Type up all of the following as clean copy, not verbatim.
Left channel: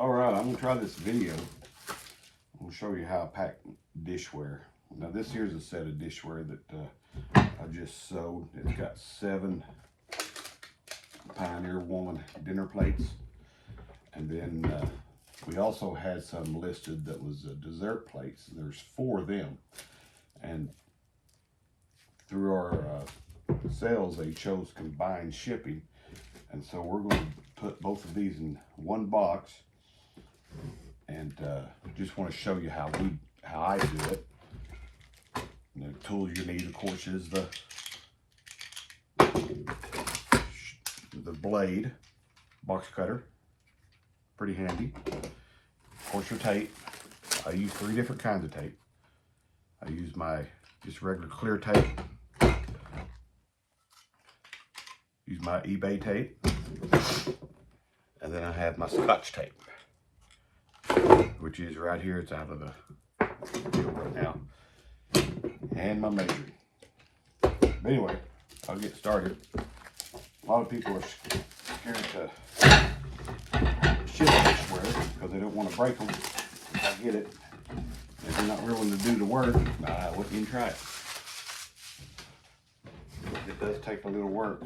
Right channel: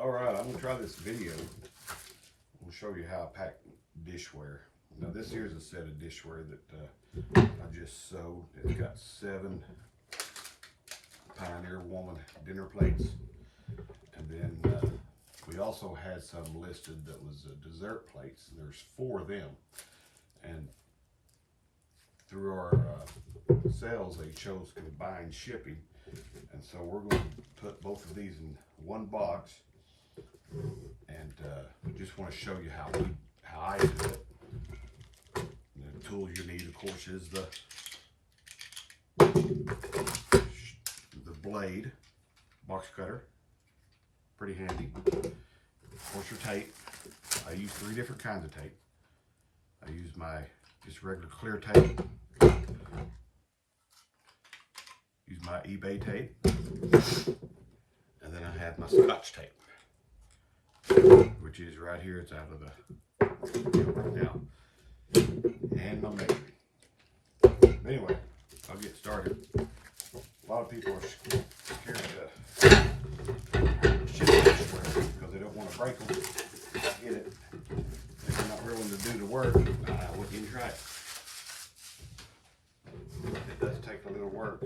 Alright, I'm going to try this video. I'm going to show you how I pack dishware. Now this here's a set of dishware that I just sewed. It's got 7 Pioneer Woman dinner plates. And then we also had some listed that was dessert plates. There's 4 of them. And through our sales, they chose combined shipping. And so we're going to put both of these in one box. And just want to show you how I do it. And the tools you need, of course, is the blade, box cutter, pretty handy. Of course, your tape. I use 3 different kinds of tape. I use my just regular clear tape. Use my eBay tape. And then I have my Scotch tape, which is right here. It's out of the deal right now. And my measuring. But anyway, I'll get started. A lot of people are scared to ship dishware because they don't want to break them. I get it. If you're not willing to do the work, well, you can try it. It does take a little work.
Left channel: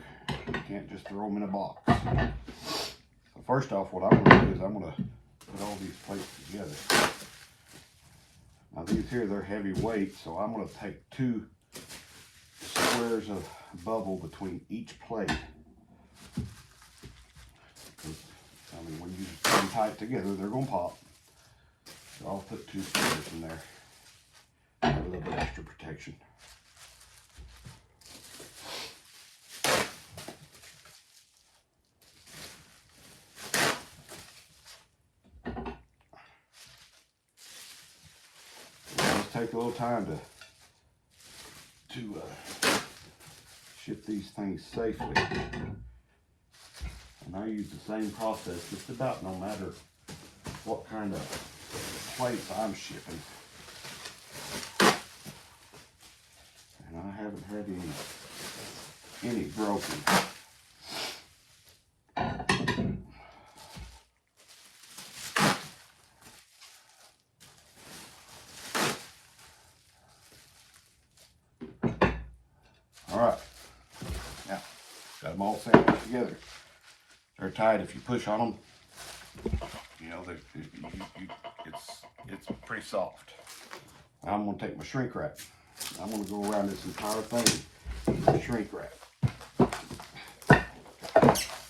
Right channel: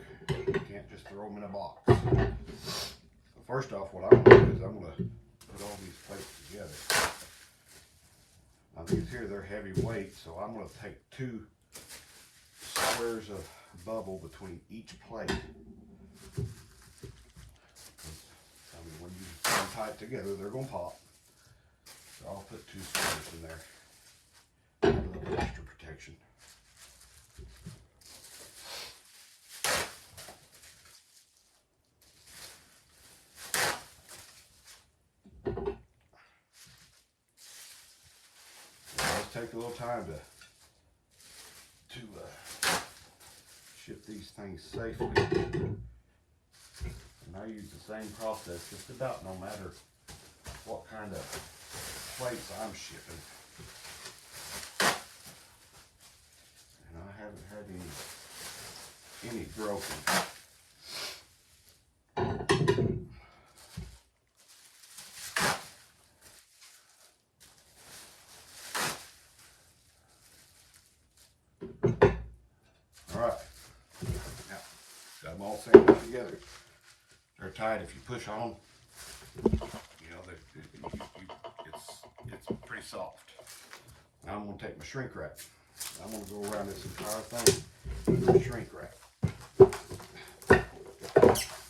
You can't just throw them in a box. So first off, what I'm going to do is I'm going to put all these plates together. Now these here, they're heavy weight, so I'm going to take 2 squares of bubble between each plate. I mean, when you put them tight together, they're going to pop. So I'll put 2 squares in there. Add a little bit extra protection. Take a little time to ship these things safely. And I use the same process just about no matter what kind of plates I'm shipping. And I haven't had any broken. Alright, now got them all sandwiched together. They're tight. If you push on them, you know, it's pretty soft. Now I'm going to take my shrink wrap. I'm going to go around this entire thing with shrink wrap.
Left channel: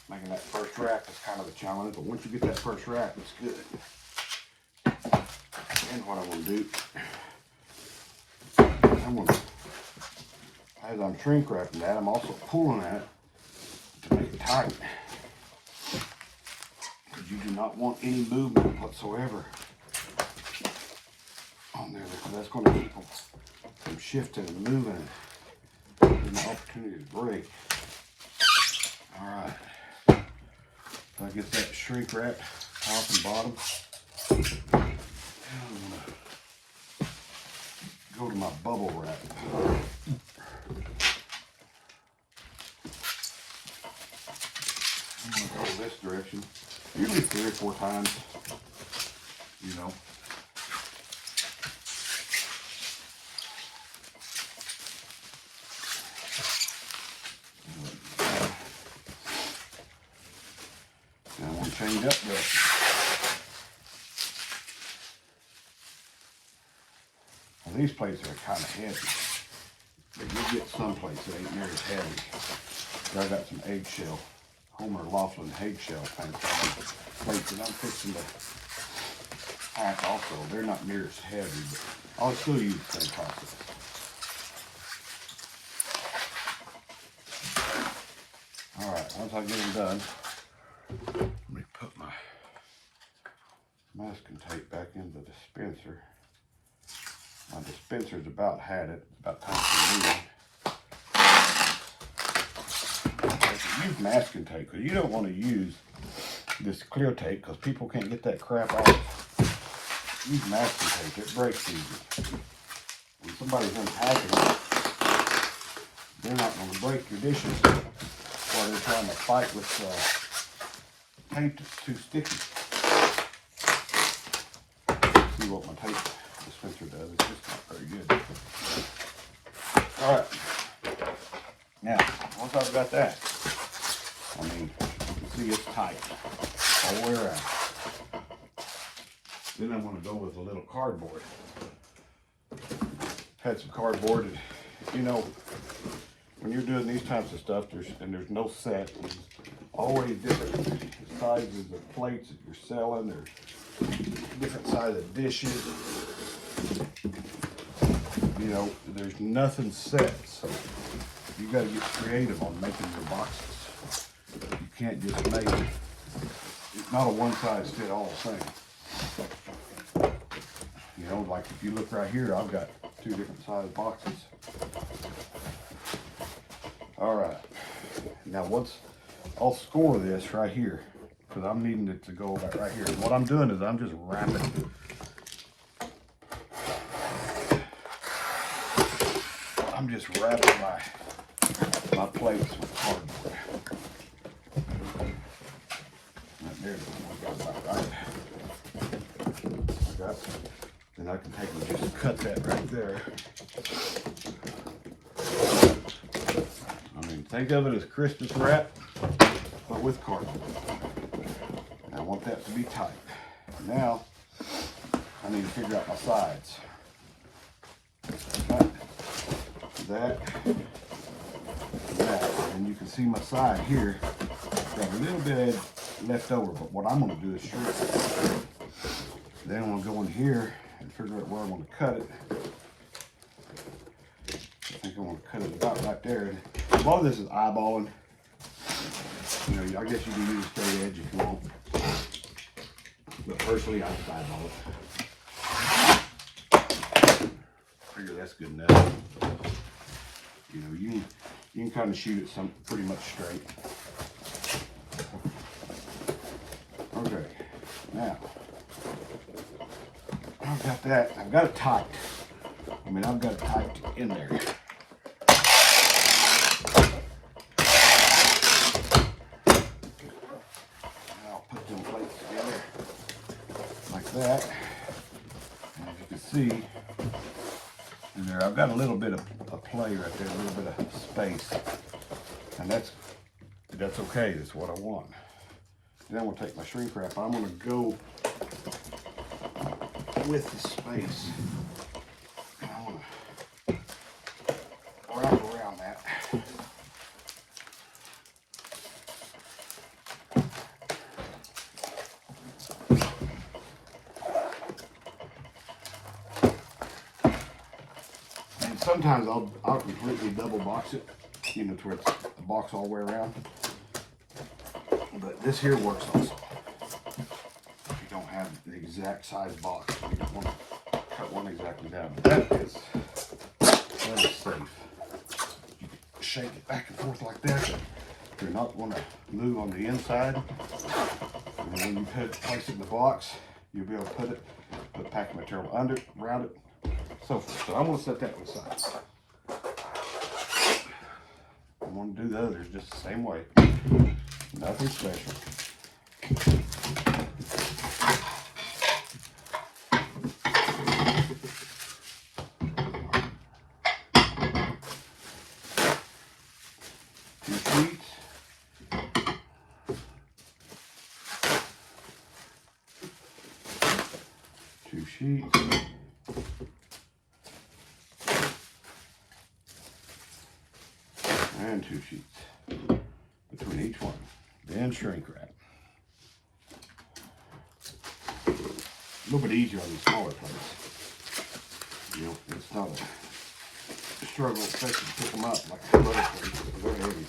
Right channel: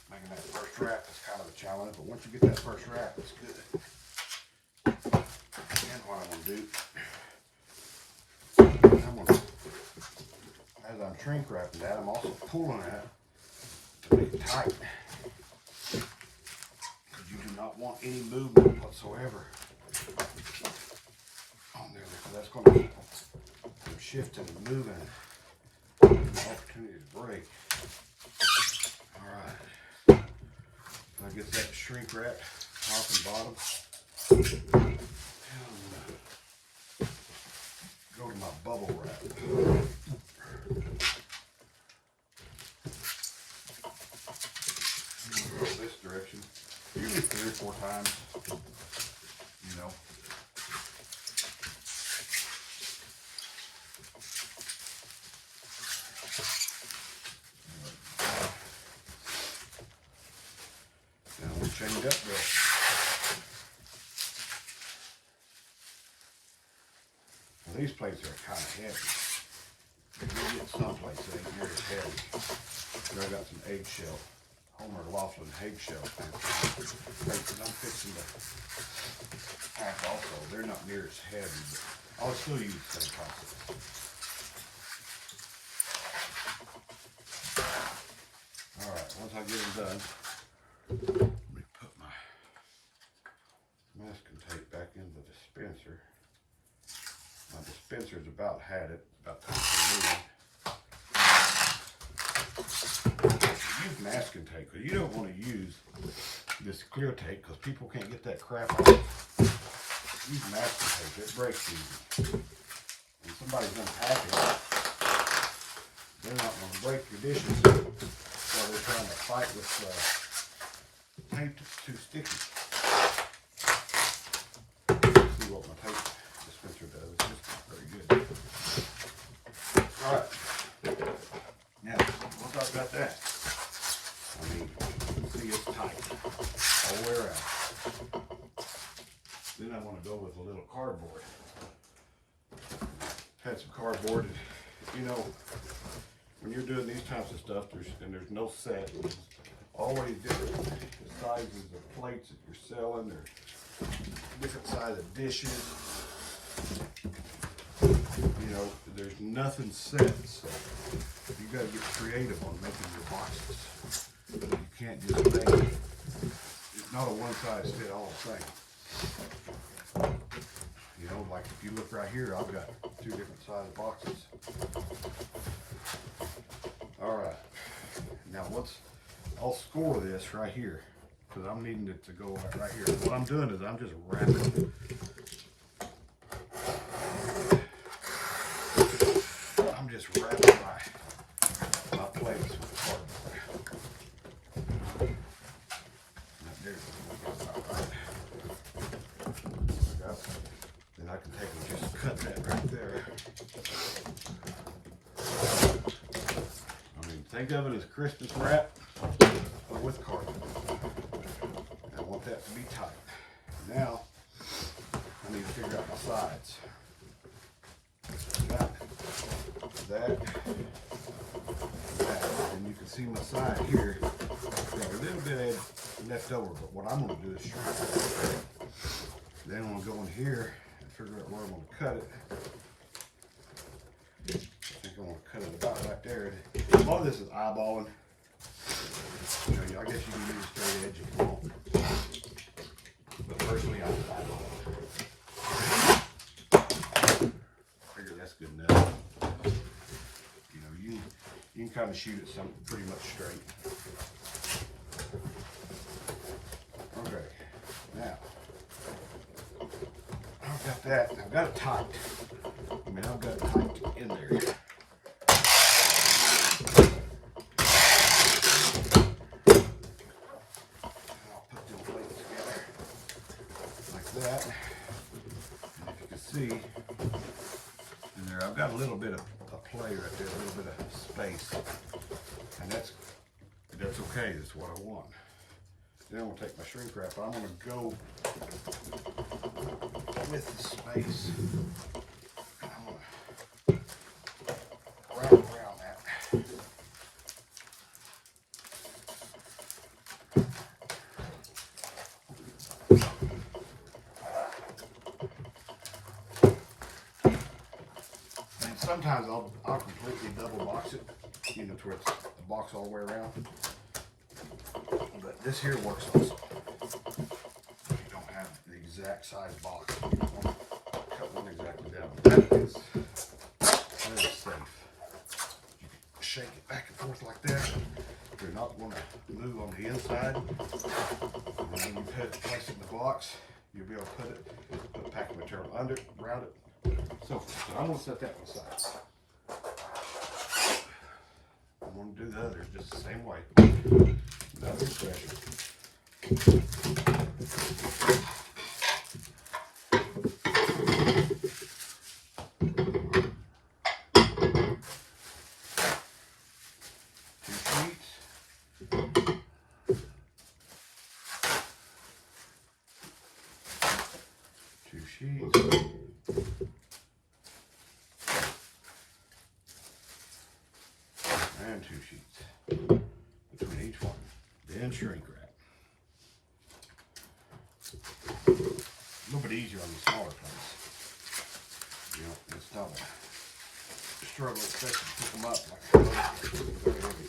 Making that first wrap is kind of a challenge, but once you get that first wrap, it's good. And what I want to do, I'm going to, as I'm shrink wrapping that, I'm also pulling that to make it tight. Because you do not want any movement whatsoever on there, because that's going to keep them from shifting and moving and giving the opportunity to break. Alright. So I get that shrink wrap top and bottom. And I'm going to go to my bubble wrap. This direction, usually 3 or 4 times, you know. Now I'm going to change up the now these plates are kind of heavy, but you get some plates that ain't near as heavy. So I got some eggshell. Homer Laughlin eggshell plates that I'm fixing to pack also. They're not near as heavy, but I'll still use the same process. Alright, once I get them done, let me put my masking tape back in the dispenser. My dispenser's about had it, about time for me. Use masking tape, because you don't want to use this clear tape because people can't get that crap off. Use masking tape, it breaks easy. When somebody's unpacking it, they're not going to break your dishes while they're trying to fight with tape that's too sticky. see what my tape dispenser does. It's just not very good. All right. Now, once I've got that, I mean, you see it's tight all the way around. Then I'm going to go with a little cardboard. Had some cardboard, and you know, when you're doing these types of stuff, there's no set. There's always different sizes of plates that you're selling. There's different sizes of dishes. You know, there's nothing set, so you got to get creative on making your boxes. You can't just make it. It's not a one-size-fit-all thing. You know, like if you look right here, I've got 2 different size boxes. All right. Now I'll score this right here because I'm needing it to go right here. What I'm doing is I'm just wrapping. I'm just wrapping my plates with cardboard. Right there. Then I can take and just cut that right there. I mean, think of it as Christmas wrap, but with cardboard. I want that to be tight. Now, I need to figure out my sides. That, and you can see my side here. Got a little bit left over, but what I'm going to do is shrink it. Then I'm going to go in here and figure out where I want to cut it. I think I want to cut it about right there. A lot of this is eyeballing. You know, I guess you can use a straight edge if you want. But personally, I just eyeball it. Figure that's good enough. You know, you can kind of shoot it pretty much straight. Okay, now I've got that. I've got it tight. I mean, I've got it tight in there. I'll put them plates together like that. And as you can see, in there, I've got a little bit of play right there, a little bit of space, and that's okay. That's what I want. Then I'm gonna take my shrink wrap. I'm gonna go with the space, and I'm gonna wrap around that. Sometimes I'll completely double box it, you know, to where it's a box all the way around. But this here works also. If you don't have the exact size box, you don't want to cut one exactly down. That is safe. You can shake it back and forth like that. You're not going to move on the inside. And when you place it in the box, you'll be able to put packing material under it, around it. So I'm going to set that aside. I'm going to do the others just the same way. Nothing special. Two sheets. Two sheets. And 2 sheets between each one. Then shrink wrap. A little bit easier on these smaller plates. You know, it's not a struggle, especially to pick them up like the other plates. They're very heavy.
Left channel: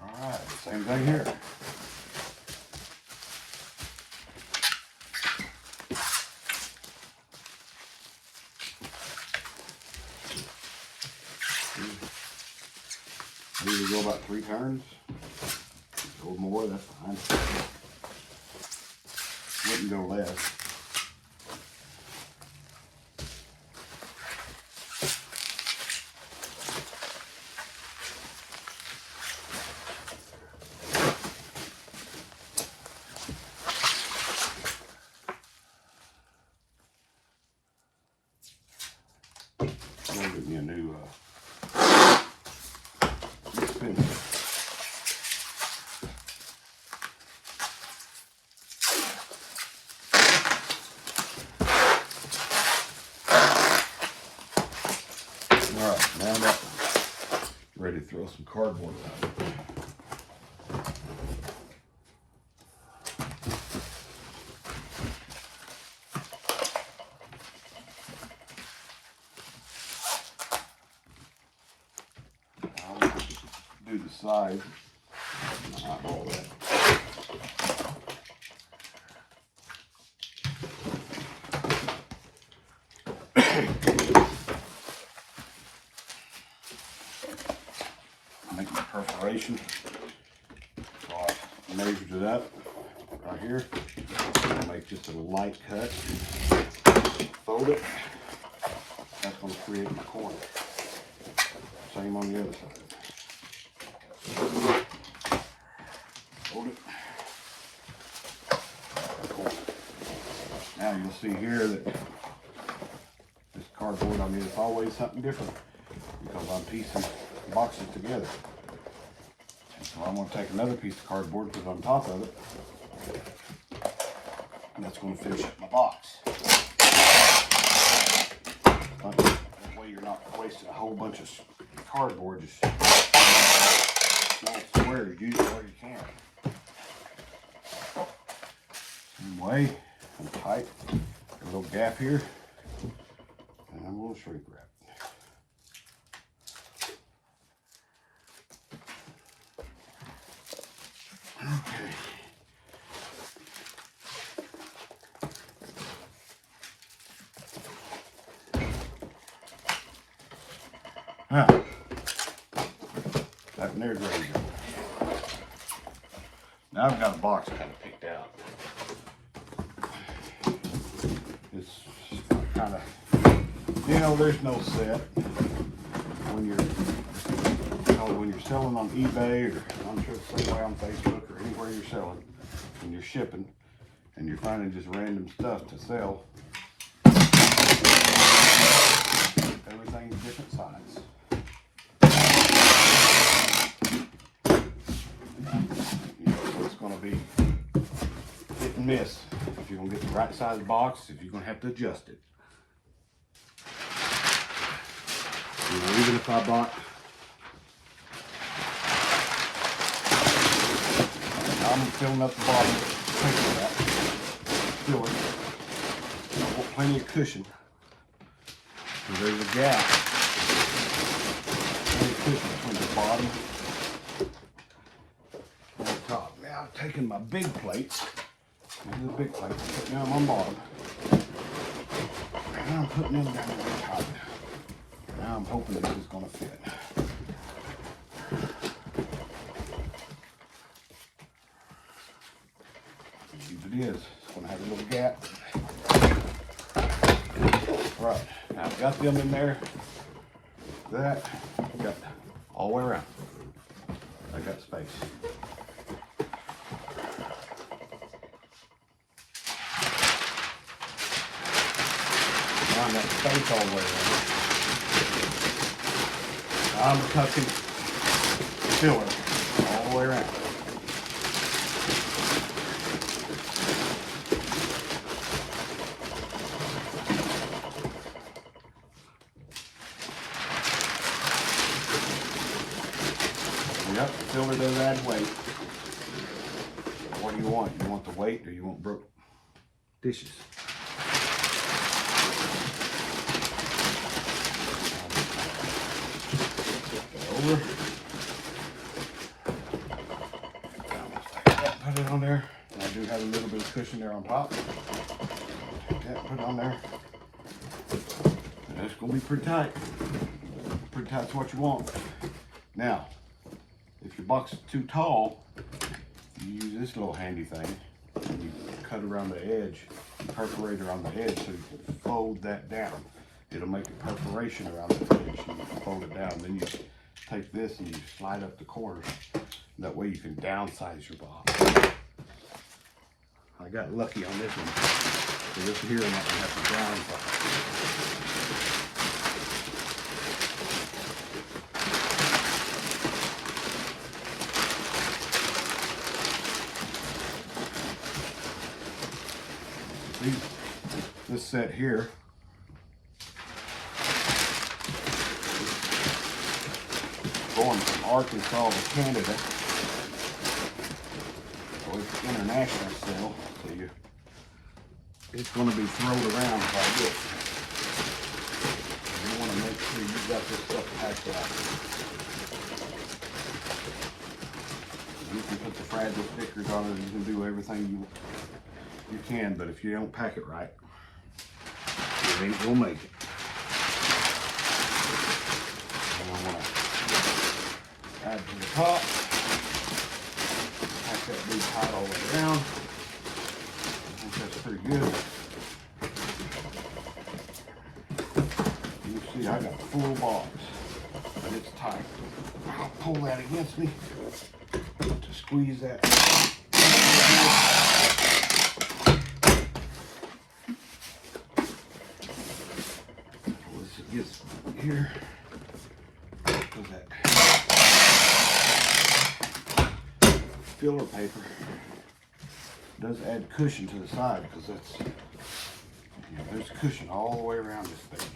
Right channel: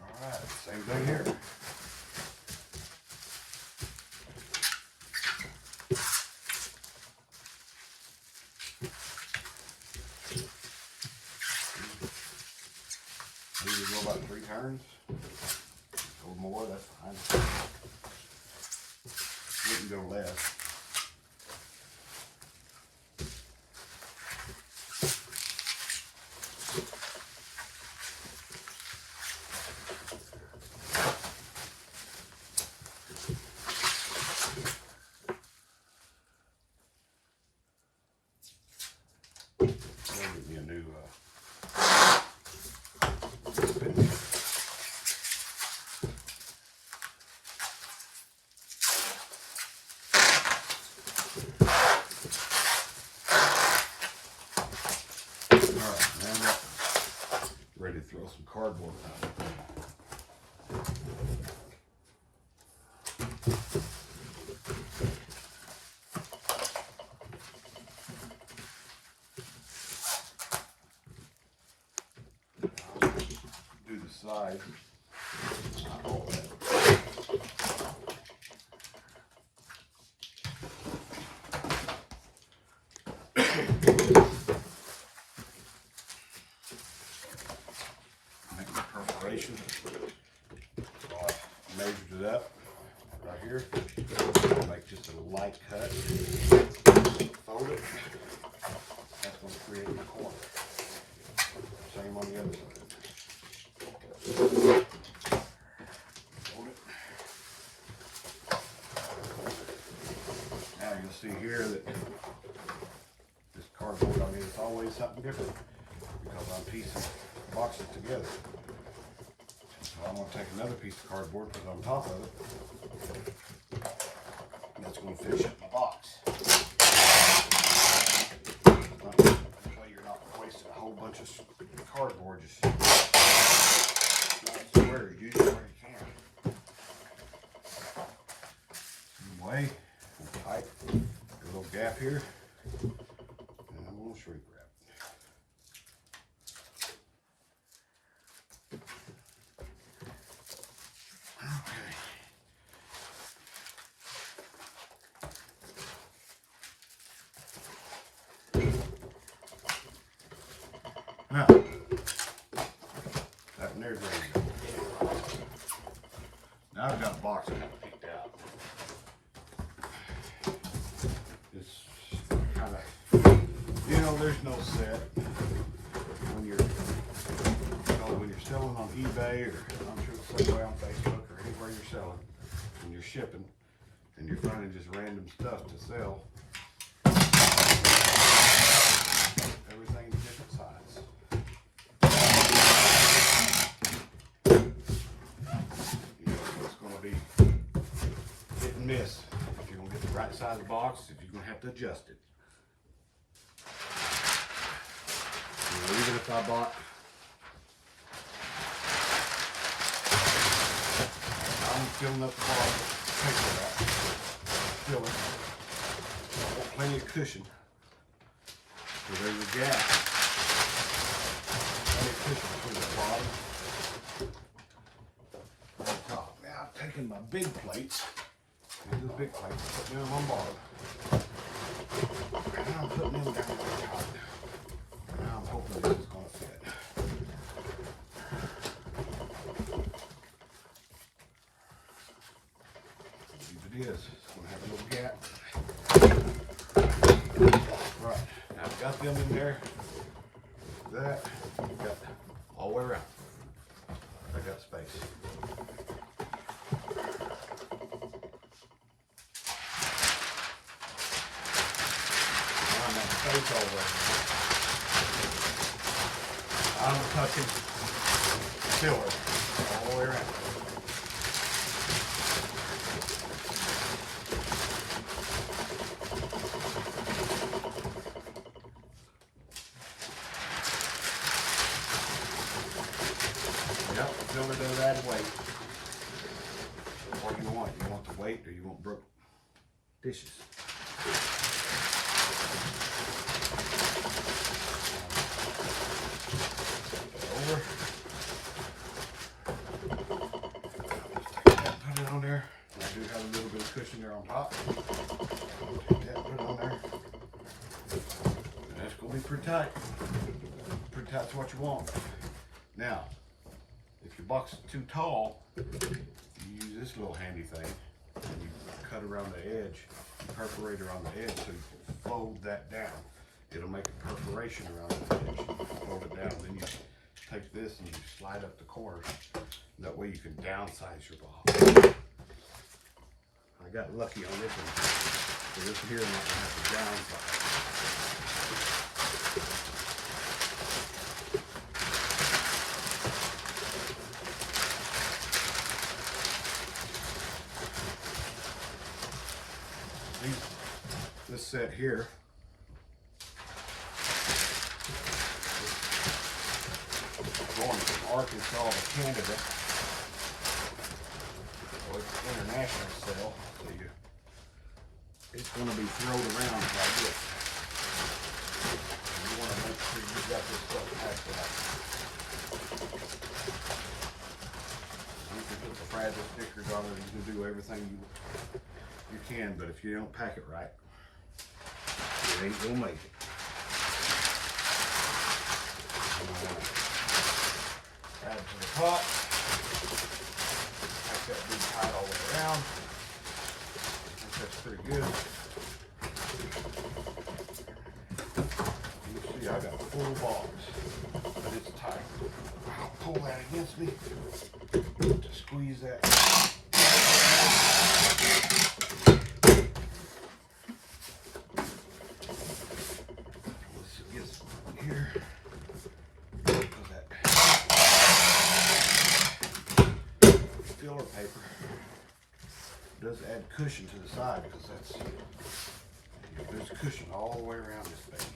All right, same thing here. I usually go about 3 turns. Go more, that's fine. Wouldn't go less. ready to throw some cardboard out. Do the sides. All that. Make my perforation. So I measured it up right here. I'll make just a light cut. Fold it. That's going to create my corner. Same on the other side. Hold it. Now you'll see here that this cardboard, I mean, it's always something different because I'm piecing boxes together. And so I'm going to take another piece of cardboard, put it on top of it, and that's going to finish up my box. That way you're not wasting a whole bunch of cardboard just nice square. Use it where you can. Same way, I'm tight. Got a little gap here, and I'm going to shrink wrap. Okay. Now, that one there's ready to go. Now I've got a box kind of picked out. It's kind of, you know, there's no set when you're selling on eBay, or I'm sure it's some way on Facebook or anywhere you're selling, and you're shipping, and you're finding just random stuff to sell. Everything's different size. It's going to be hit and miss if you're going to get the right size box, if you're going to have to adjust it. You know, even if I bought, I'm filling up the bottom, fill it. I want plenty of cushion. So there's a gap. Plenty of cushion between the bottom and the top. Now I'm taking my big plates. These are the big plates. Putting them on bottom. And I'm putting them down at the top. Now I'm hoping this is going to fit. It is. It's going to have a little gap. Right. Now I've got them in there. That got all the way around. I got space. Now I got space all the way around. I'm touching filler all the way around. Yep, the filler does add weight. What do you want? You want the weight or you want broke dishes? Over. Put it on there. I do have a little bit of cushion there on top. Take that, put it on there. And that's going to be pretty tight. Pretty tight's what you want. Now, if your box is too tall, you use this little handy thing and you cut around the edge, you perforate around the edge so you can fold that down. It'll make a perforation around the edge and you can fold it down. Then you take this and you slide up the corners. That way you can downsize your box. I got lucky on this one. So this here I'm not going to have to downsize. This set here, going from Arkansas to Canada. So it's international sale, so it's going to be thrown around quite a bit. You want to make sure you got this stuff packed out. You can put the fragile stickers on it. You can do everything you can, but if you don't pack it right, it ain't gonna make it. And I want to add to the top. Pack that big tight all the way around. I think that's pretty good. You see, I got a full box, but it's tight. I'll pull that against me to squeeze that. Once it gets here, put that filler paper. Does add cushion to the side because that's, there's cushion all the way around this thing.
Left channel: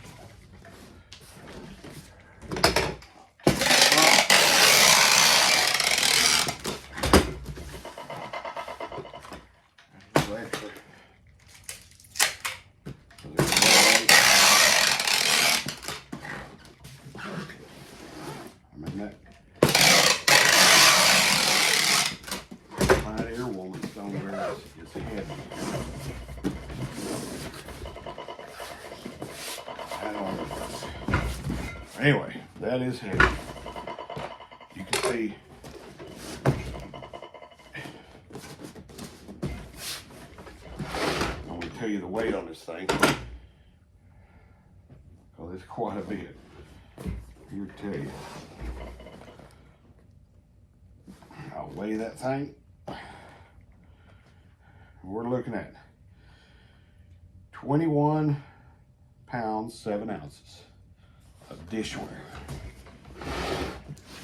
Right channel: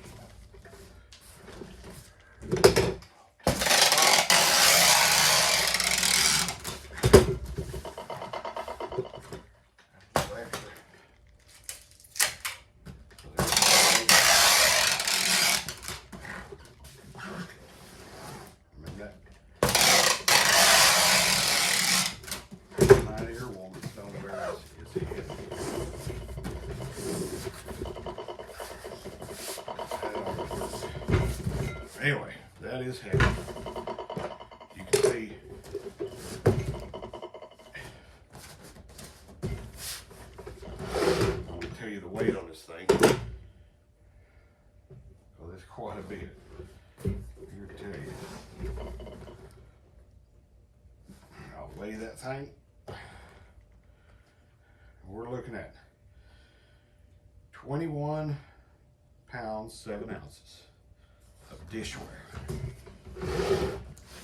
Anyway, that is heavy. You can see I'm going to tell you the weight on this thing. Oh, it's quite a bit. Here to tell you. I'll weigh that thing. We're looking at 21 pounds, 7 ounces. Of dishware.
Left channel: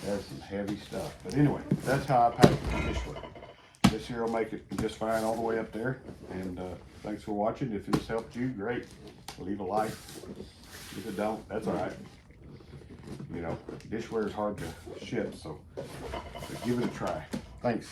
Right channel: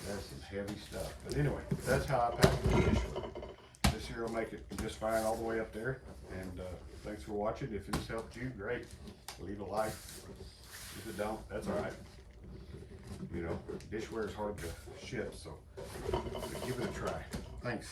That's some heavy stuff. But anyway, that's how I pack the dishware. This here will make it just fine all the way up there. And thanks for watching. If this helped you, great. Leave a like. If it don't, that's all right. You know, dishware is hard to ship, so give it a try. Thanks.